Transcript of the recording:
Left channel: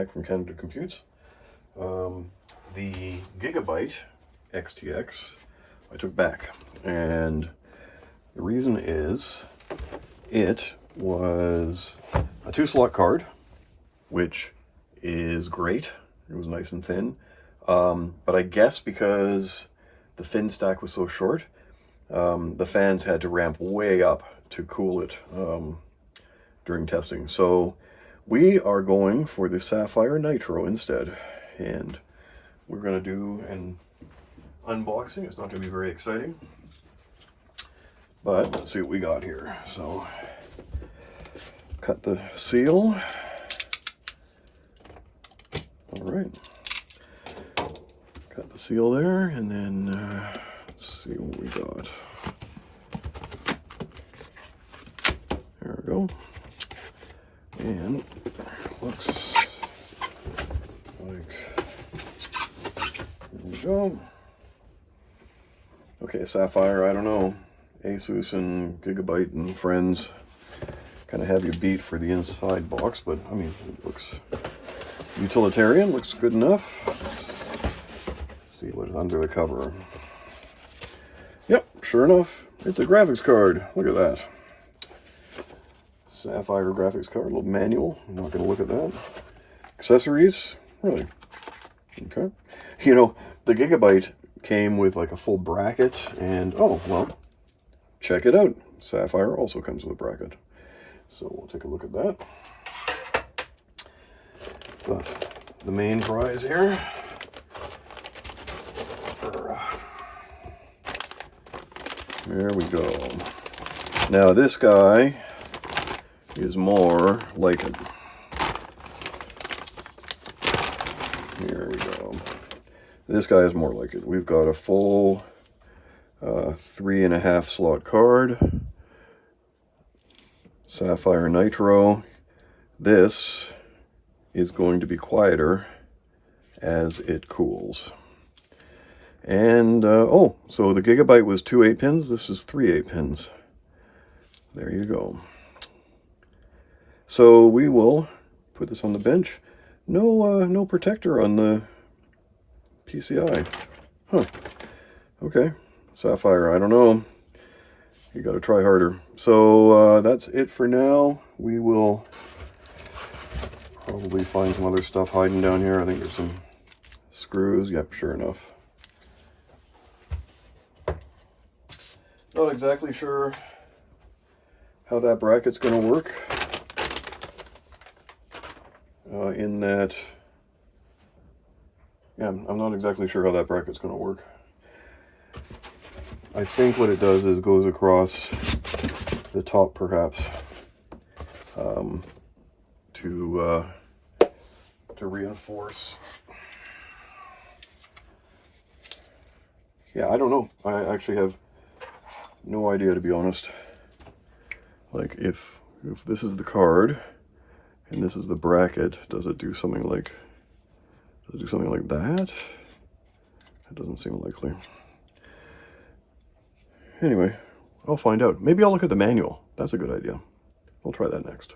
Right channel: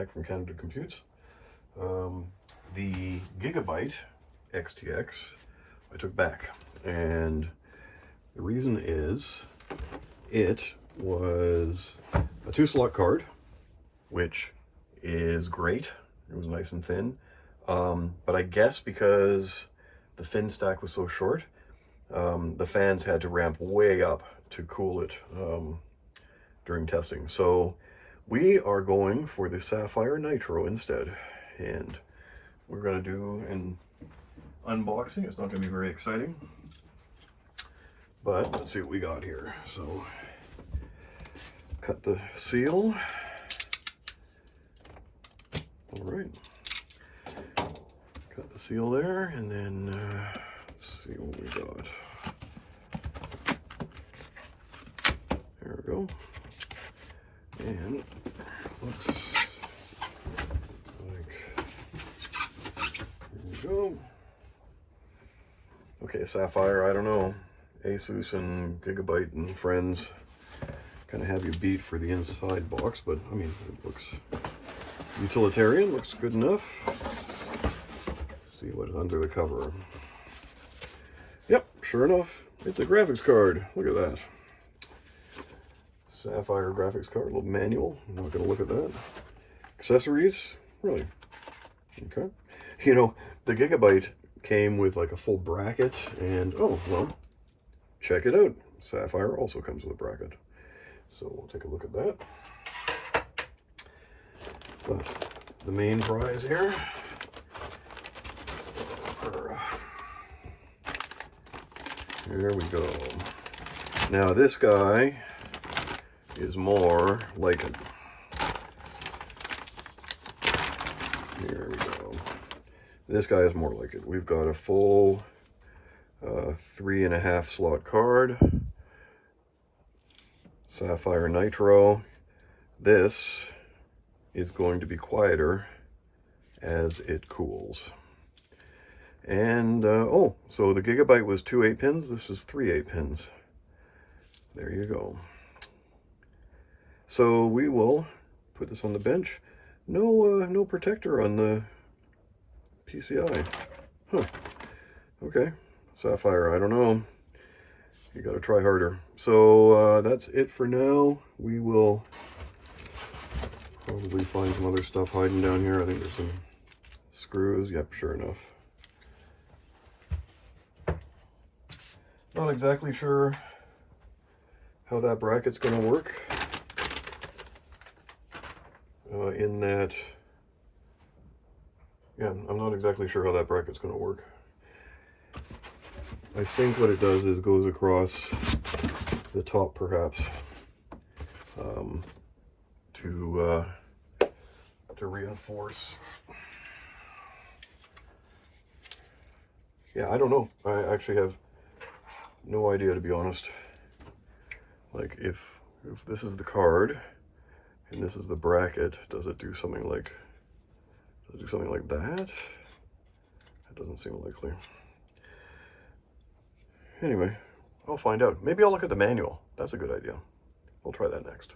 back from Canada Computes. The Gigabyte XTX I took back, and the reason is it was a 2-slot card, which is great. It was nice and thin, but I guess because the fin stack was so short, the fans had to ramp way up to cool it during testing. So we are going for the Sapphire NITRO instead, and we're going to do an unboxing. It's not going to be very exciting, but let's see what we got here. So cut the seal. All right, cut the seal there, and then let's see what we got. There we go. And looks like, here we go. Okay, Sapphire, I don't know. Asus and Gigabyte and friends kind of have you beat for the inside box, but I mean, it looks utilitarian, looks good enough. Let's see what's under the cover. Yep, sure enough, it's a graphics card. Look at that. Sapphire graphics card, a little manual. I'm not going to look at that. Accessories, really. Okay. You know, the Gigabyte came with like a full bracket, and oh, well, check it out. Sapphire also comes with a bracket. So we'll take a look at that. But the main prize here, there we go. Now this guy is more like it. Here we go. This guy is more like it. We've got a full 3.5 slot card. Sapphire NITRO. This is going to be quieter as it cools. And oh, so the Gigabyte was 2 8-pins. This is 3 8-pins. There you go. So we will put this on the bench. No protector on the PCI. Huh. Okay. Sapphire, I don't know. You got to try harder. So that's it for now. We will probably find some other stuff hiding down here. I think there's some screws. Yep, sure enough. Not exactly sure how that bracket's going to work. In that, yeah, I'm not exactly sure how that bracket's going to work. I think what it does is goes across the top, perhaps, to reinforce. Yeah, I don't know. I actually have no idea, to be honest. Like, if this is the card and this is the bracket, does it do something like that? It doesn't seem likely. Anyway, I'll find out. Maybe I'll look at the manual. That's a good idea. We'll try that next.